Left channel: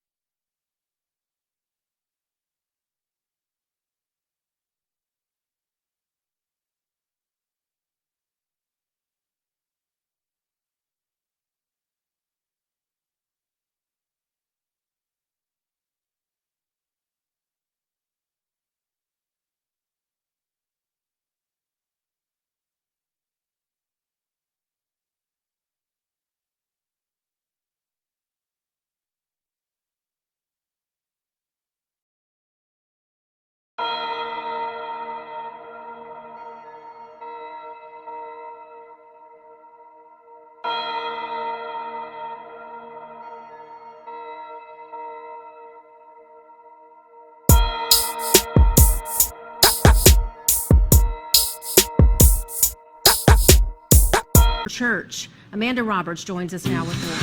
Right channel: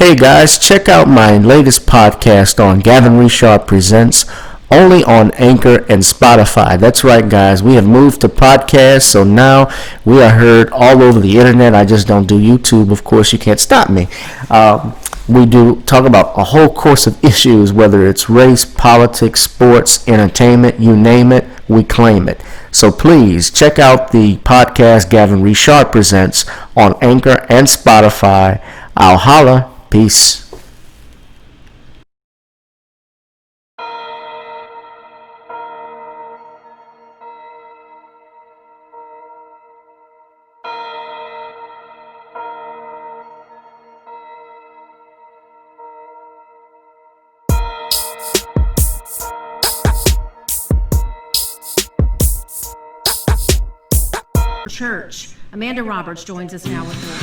Hey guys, check out my latest podcast on Gavin Richard Presents, only on Anchor and Spotify. That's right, guys. We have moved to podcasts, so now we are heard all over the internet. I just don't do YouTube. Of course, you can't stop me. We do talk about a whole course of issues, whether it's race, politics, sports, entertainment, you name it, we claim it. So please check out the podcast Gavin Richard Presents on Anchor and Spotify. I'll holla. Peace. Church. Amanda Roberts joins us now with more.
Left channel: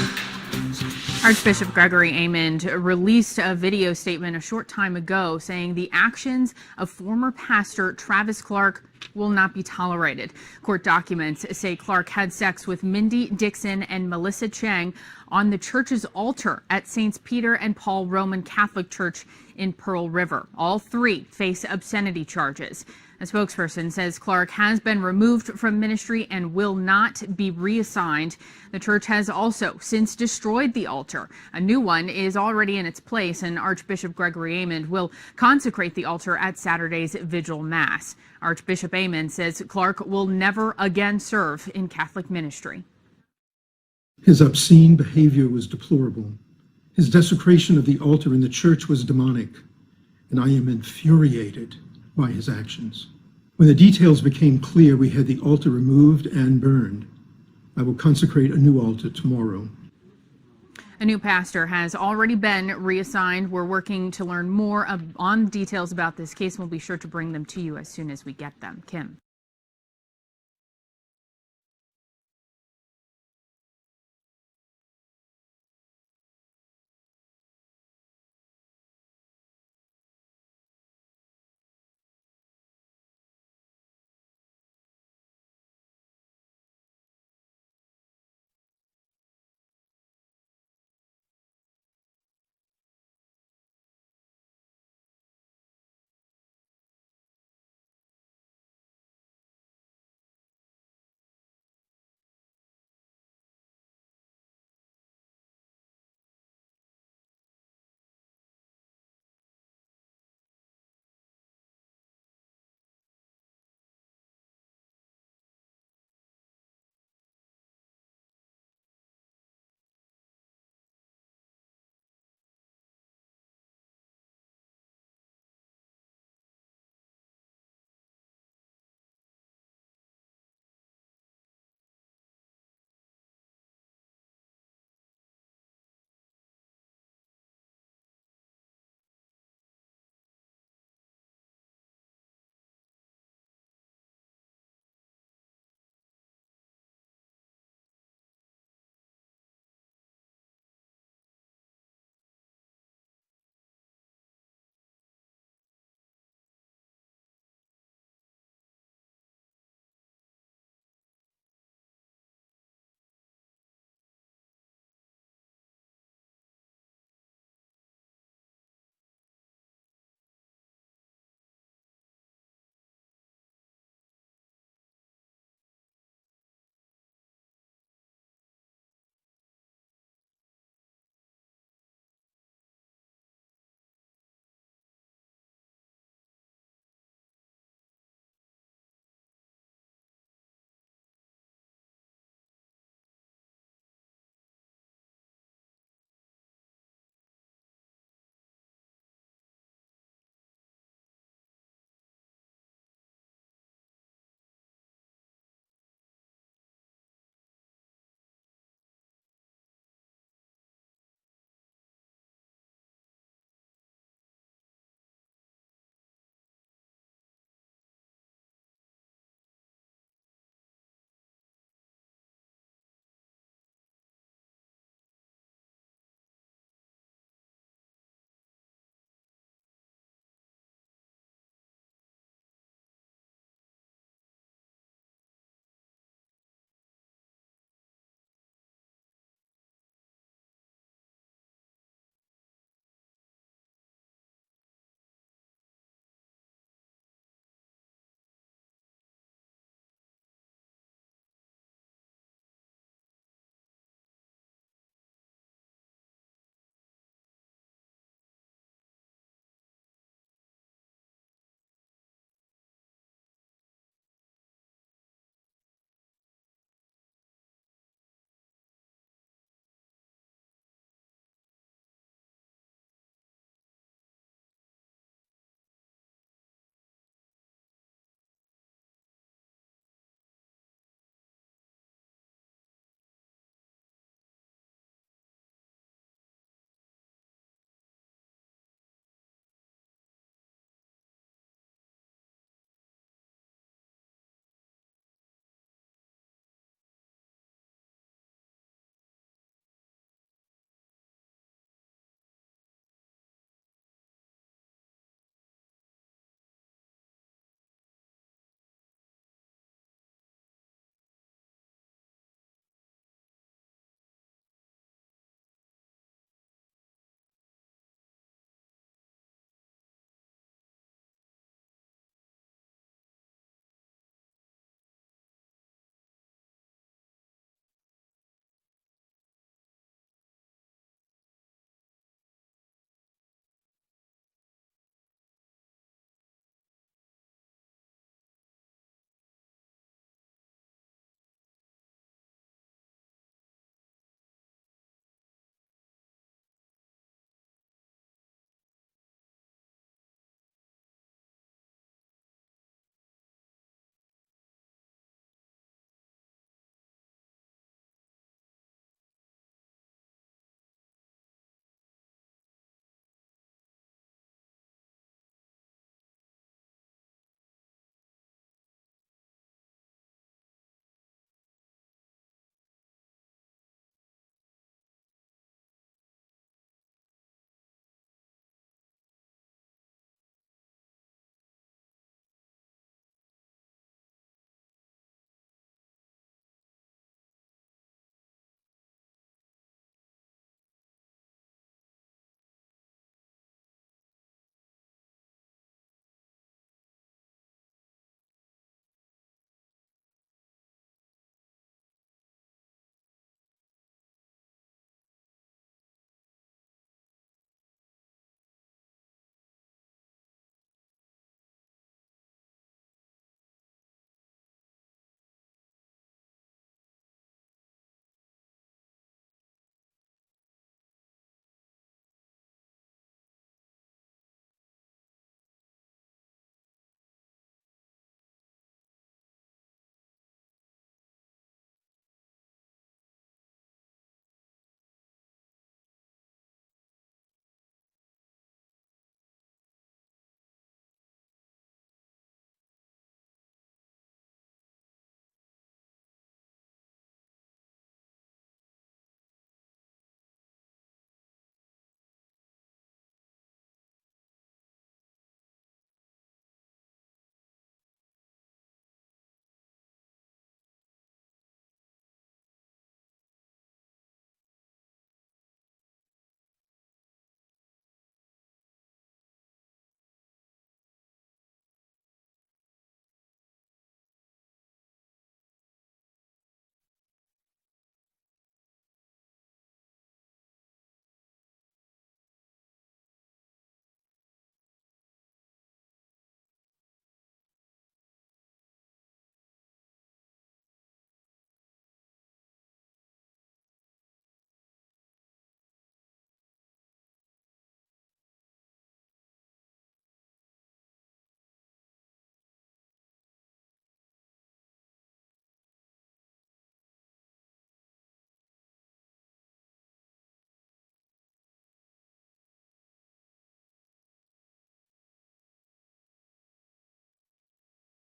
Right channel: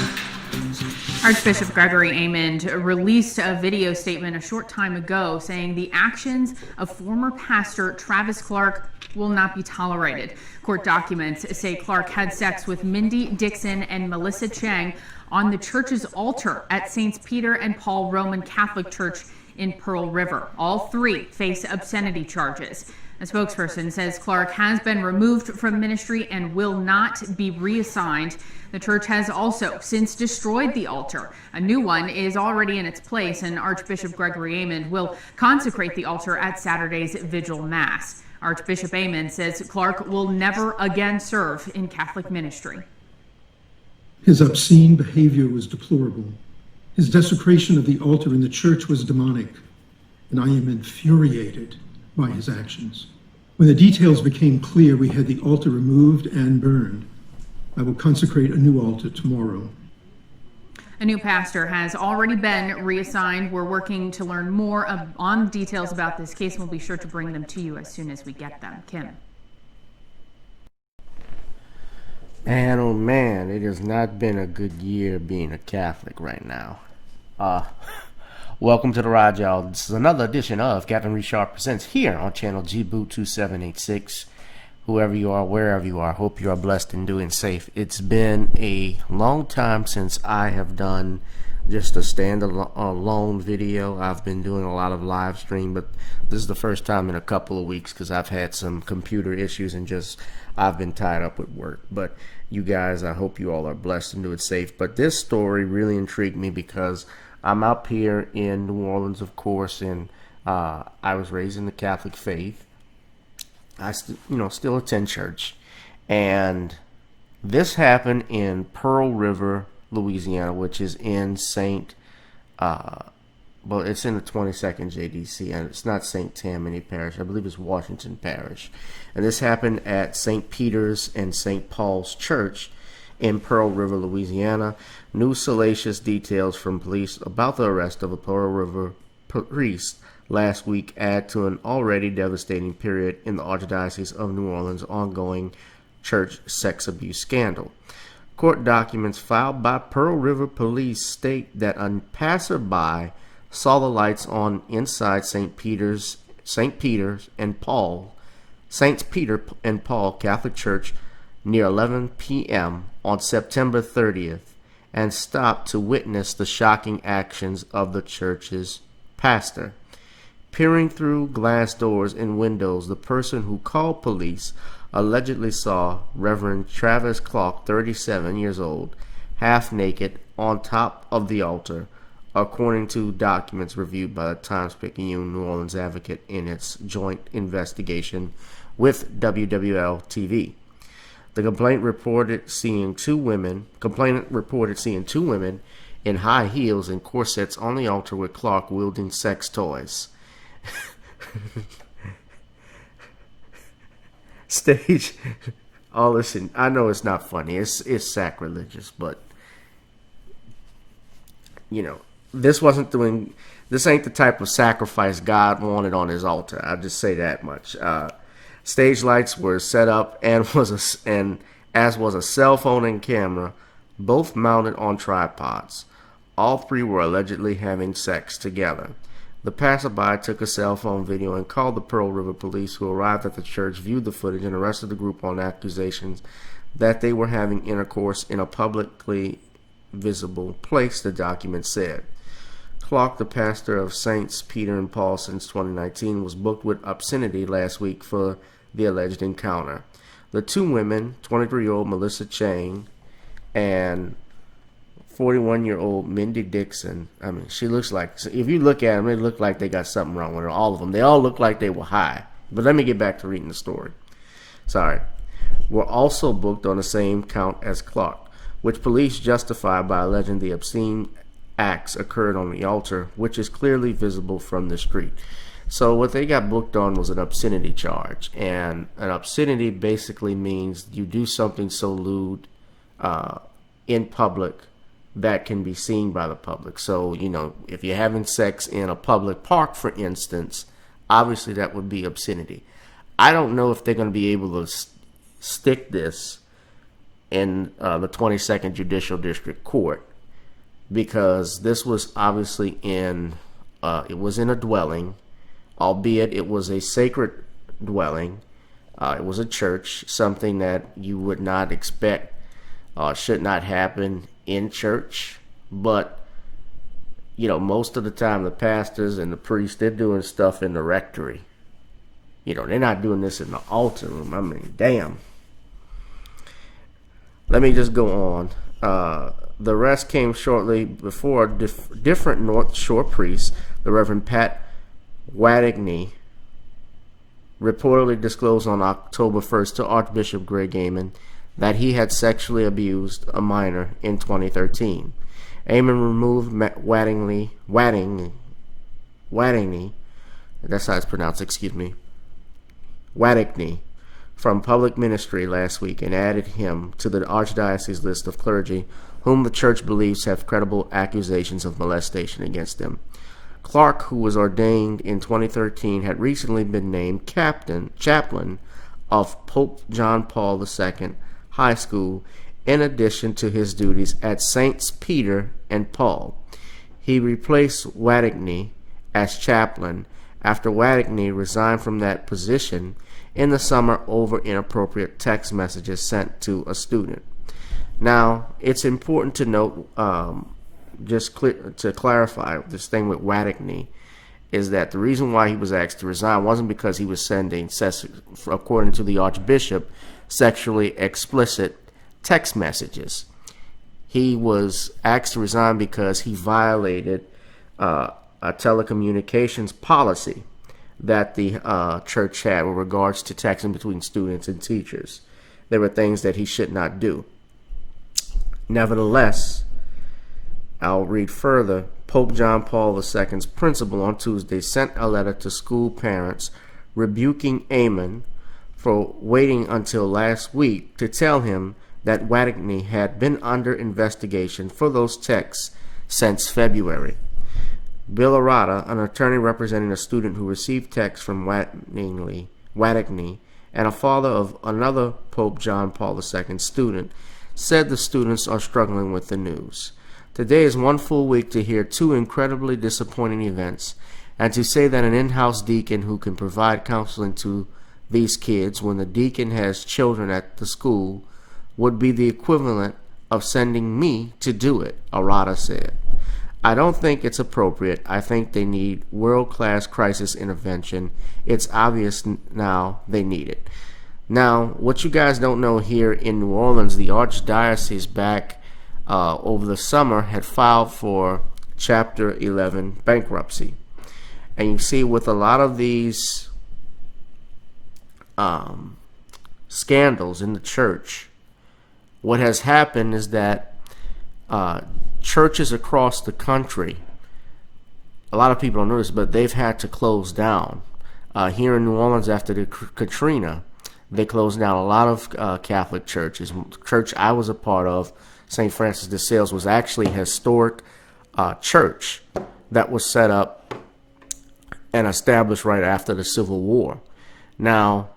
Archbishop Gregory Amond released a video statement a short time ago saying the actions of former pastor Travis Clark will not be tolerated. Court documents say Clark had sex with Mindy Dixon and Melissa Chang on the church's altar at St. Peter and Paul Roman Catholic Church in Pearl River. All three face obscenity charges. A spokesperson says Clark has been removed from ministry and will not be reassigned. The church has also since destroyed the altar. A new one is already in its place, and Archbishop Gregory Amond will consecrate the altar at Saturday's Vigil Mass. Archbishop Amond says Clark will never again serve in Catholic ministry. His obscene behavior was deplorable. His desecration of the altar in the church was demonic, and I am infuriated by his actions. When the details became clear, we had the altar removed and burned. I will consecrate a new altar tomorrow. A new pastor has already been reassigned. We're working to learn more on details about this case, and we'll be sure to bring them to you as soon as we get them. Kim. Man, oh man, it has not been a good year being a Catholic right now. Welcome to the ride, y'all. This is another edition of Gavin Richard Presents here on channel G-Boot 2786. Whoever you are, wherever you are, hope you are blessed and doing safe. It's been a long time since I have done just a standalone video. I've been doing a lot of live stream, but this is the first time in a couple of weeks because I've had some computer issues and I've been tied up with work. But you guys, I hope you all are blessed and doing safe. But this story really intrigued me because I'm up here in New Orleans, of course, and I was raised in the Catholic faith. I still attend church, and this happened in Pearl River, Louisiana, which is in it's in the 22nd JDC, and it's not St. Tammany Parish. I believe it's Washington Parish, and this happened at St. Peter's and St. Paul's Church in Pearl River, Louisiana. New salacious details from police about the arrest of a Pearl River priest last week add to an already devastating period in the Archdiocese of New Orleans' ongoing church sex abuse scandal. Court documents filed by Pearl River police state that a passerby saw the lights on inside St. Peter and Paul Catholic Church near 11 p.m. on September 30th and stopped to witness the shocking actions of the church's pastor. Peering through glass doors and windows, the person who called police allegedly saw Reverend Travis Clark, 37 years old, half naked on top of the altar, according to documents reviewed by the Times-Picayune New Orleans Advocate in its joint investigation with WWL-TV. The complainant reported seeing two women in high heels and corsets on the altar with Clark wielding sex toys. Stage. Oh, listen, I know it's not funny. It's sacrilegious, but this ain't the type of sacrifice God wanted on his altar. I'll just say that much. Stage lights were set up as was a cell phone and camera, both mounted on tripods. All three were allegedly having sex together. The passerby took a cell phone video and called the Pearl River police, who arrived at the church, viewed the footage, and arrested the group on accusations that they were having intercourse in a publicly visible place, the document said. Clark, the pastor of Saints Peter and Paul since 2019, was booked with obscenity last week for the alleged encounter. The two women, 23-year-old Melissa Chang and 41-year-old Mindy Dixon, I mean, she looks like, if you look at them, they look like they got something wrong with her. All of them. They all look like they were high. But let me get back to reading the story. Sorry. Were also booked on the same count as Clark, which police justify by alleging the obscene acts occurred on the altar, which is clearly visible from the street. So what they got booked on was an obscenity charge, and an obscenity basically means you do something so lewd in public that can be seen by the public. So, you know, if you're having sex in a public park, for instance, obviously that would be obscenity. I don't know if they're going to be able to stick this in the 22nd Judicial District Court, because this was obviously it was in a dwelling, albeit it was a sacred dwelling. It was a church, something that you would not expect should not happen in church. But, you know, most of the time the pastors and the priests, they're doing stuff in the rectory. You know, they're not doing this in the altar room. I mean, damn. Let me just go on. The rest came shortly before different North Shore priests, the Reverend Pat Wattigney, reportedly disclosed on October 1st to Archbishop Greg Amen that he had sexually abused a minor in 2013. Amen removed Wattigney, that's how it's pronounced, Wattigney, from public ministry last week and added him to the Archdiocese list of clergy whom the church believes have credible accusations of molestation against them. Clark, who was ordained in 2013, had recently been named chaplain of Pope John Paul II High School, in addition to his duties at Saints Peter and Paul. He replaced Wattigney as chaplain after Wattigney resigned from that position in the summer over inappropriate text messages sent to a student. Now, it's important to note, to clarify this thing with Wattigney, is that the reason why he was asked to resign wasn't because he was sending, according to the Archbishop, sexually explicit text messages. He was asked to resign because he violated a telecommunications policy that the church had with regards to texting between students and teachers. There were things that he should not do. Nevertheless, I'll read further. Pope John Paul II's principal on Tuesday sent a letter to school parents rebuking Amen for waiting until last week to tell him that Wattigney had been under investigation for those texts since February. Bill Arata, an attorney representing a student who received texts from Wattigney and a father of another Pope John Paul II student, said the students are struggling with the news. Today is one full week to hear two incredibly disappointing events, and to say that an in-house deacon who can provide counseling to these kids when the deacon has children at the school would be the equivalent of sending me to do it, Arata said. I don't think it's appropriate. I think they need world-class crisis intervention. It's obvious now they need it. Now, what you guys don't know, here in New Orleans, the Archdiocese back over the summer had filed for Chapter 11 bankruptcy. And you see, with a lot of these scandals in the church, what has happened is that churches across the country, a lot of people don't know this, but they've had to close down. Here in New Orleans, after the Katrina, they closed down a lot of Catholic churches. The church I was a part of, St. Francis de Sales, was actually a historic church that was set up and established right after the Civil War. Now,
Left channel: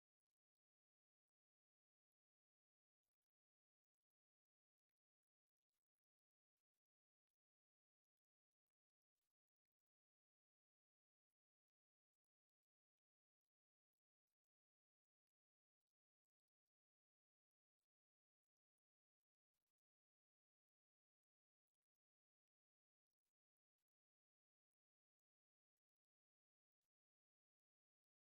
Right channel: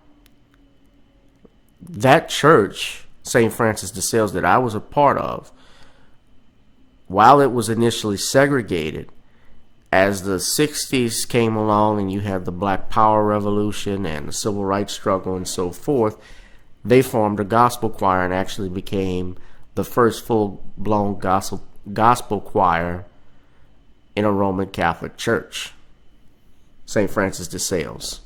that church, St. Francis de Sales, that I was a part of, while it was initially segregated, as the 60s came along and you had the Black Power Revolution and the Civil Rights struggle and so forth, they formed a gospel choir and actually became the first full-blown gospel choir in a Roman Catholic church, St. Francis de Sales.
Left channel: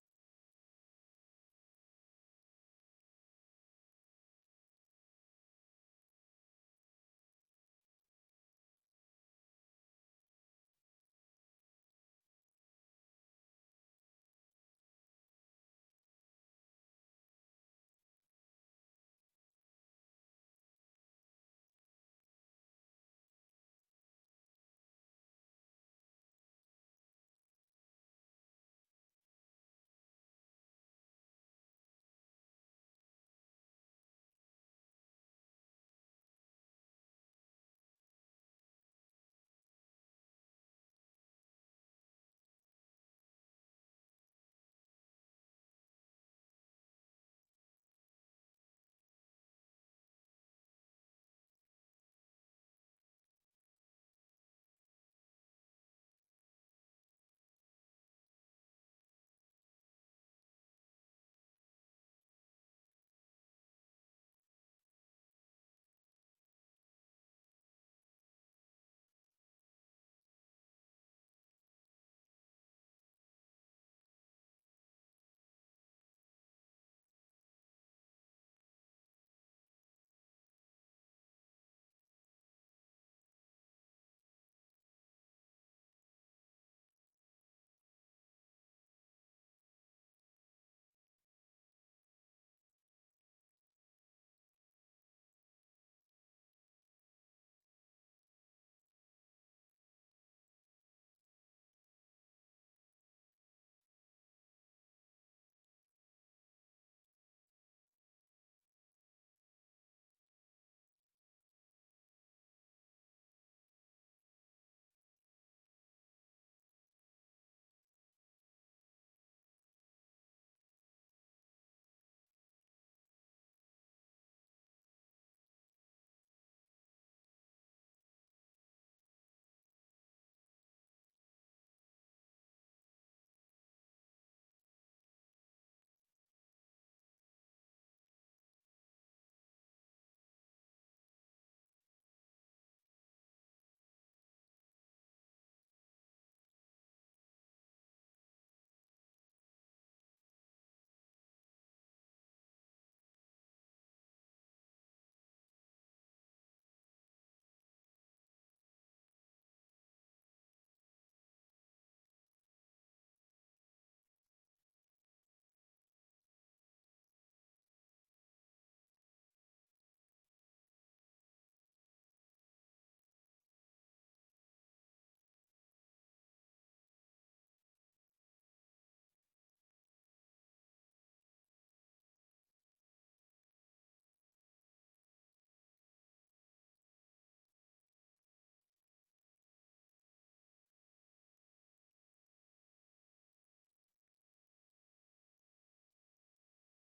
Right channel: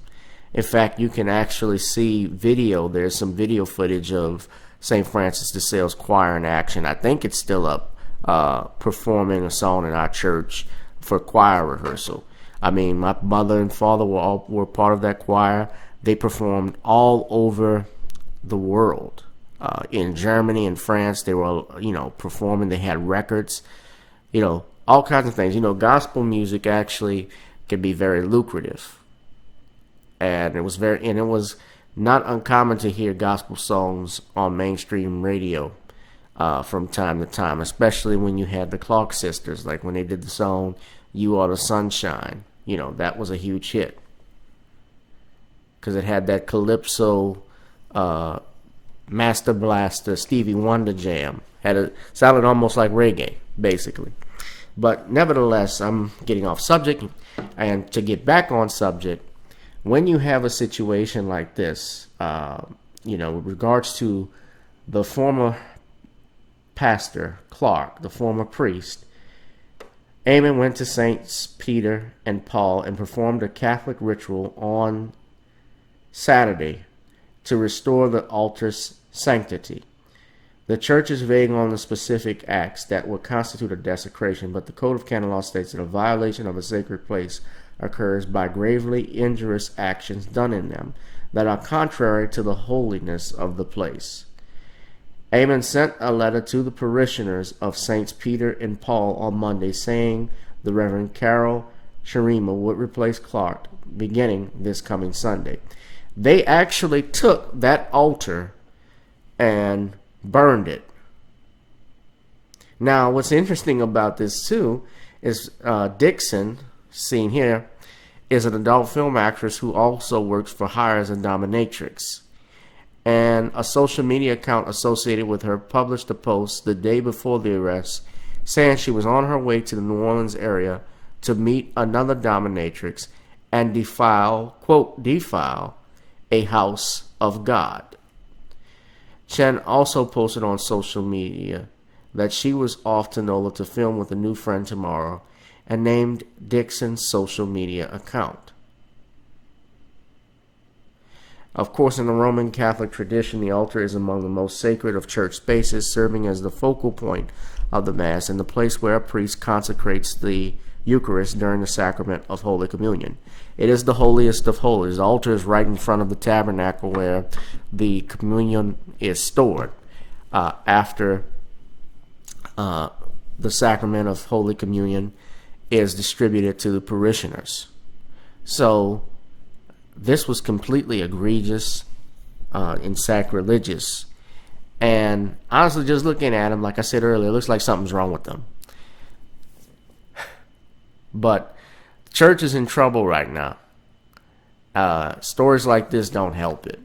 In fact, you can actually see video. There's some video footage of St. Francis de Sales choir in action. I think it's still up, performing a song in our church for choir rehearsal. I mean, my mother and father were part of that choir. They performed all over the world. In Germany and France, they were, performing. They had records, all kinds of things. Gospel music actually can be very lucrative. And it was not uncommon to hear gospel songs on mainstream radio from time to time, especially when you had the Clark sisters, like when they did the song "You Are the Sunshine." That was a huge hit because it had that calypso, Master Blaster, Stevie Wonder jam. Sounded almost like reggae, basically. But nevertheless, I'm getting off subject, and to get back on subject, when you have a situation like this, with regards to the former pastor, Clark, the former priest, Eamon went to Saints Peter and Paul and performed a Catholic ritual on Saturday to restore the altar's sanctity. The church is vague on the specific acts that would constitute a desecration, but the Code of Canon Law states that a violation of a sacred place occurs by gravely injurious actions done in them that are contrary to the holiness of the place. Eamon sent a letter to the parishioners of Saints Peter and Paul on Monday saying the Reverend Carol Sharima would replace Clark beginning this coming Sunday. They actually took that altar and burned it. Now, what's interesting about this too is Dixon, seen here, is an adult film actress who also works for hire as a dominatrix. And a social media account associated with her published a post the day before the arrest saying she was on her way to the New Orleans area to meet another dominatrix and defile a house of God. Chen also posted on social media that she was off to NOLA to film with a new friend tomorrow and named Dixon's social media account. Of course, in the Roman Catholic tradition, the altar is among the most sacred of church spaces, serving as the focal point of the Mass and the place where a priest consecrates the Eucharist during the sacrament of Holy Communion. It is the holiest of holies. The altar is right in front of the tabernacle where the communion is stored after the sacrament of Holy Communion is distributed to the parishioners. So this was completely egregious and sacrilegious. And honestly, just looking at them, like I said earlier, it looks like something's wrong with them. But the church is in trouble right now. Stories like this don't help it.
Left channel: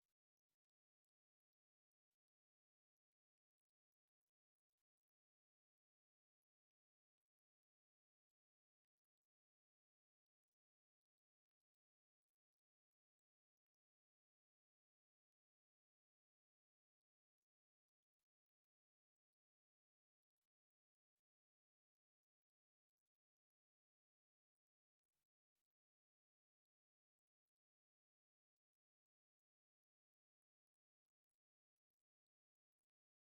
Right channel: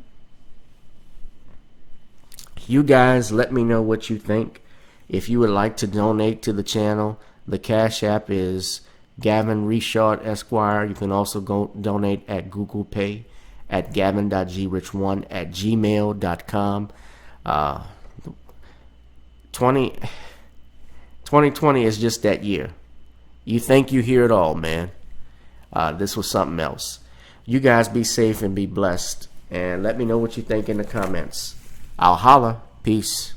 You guys, let me know what you think. If you would like to donate to the channel, the Cash App is Gavin Richard Esquire. You can also go donate at Google Pay at gavin.grich1@gmail.com. 2020 is just that year. You think you hear it all, man. This was something else. You guys be safe and be blessed. And let me know what you think in the comments. I'll holla. Peace.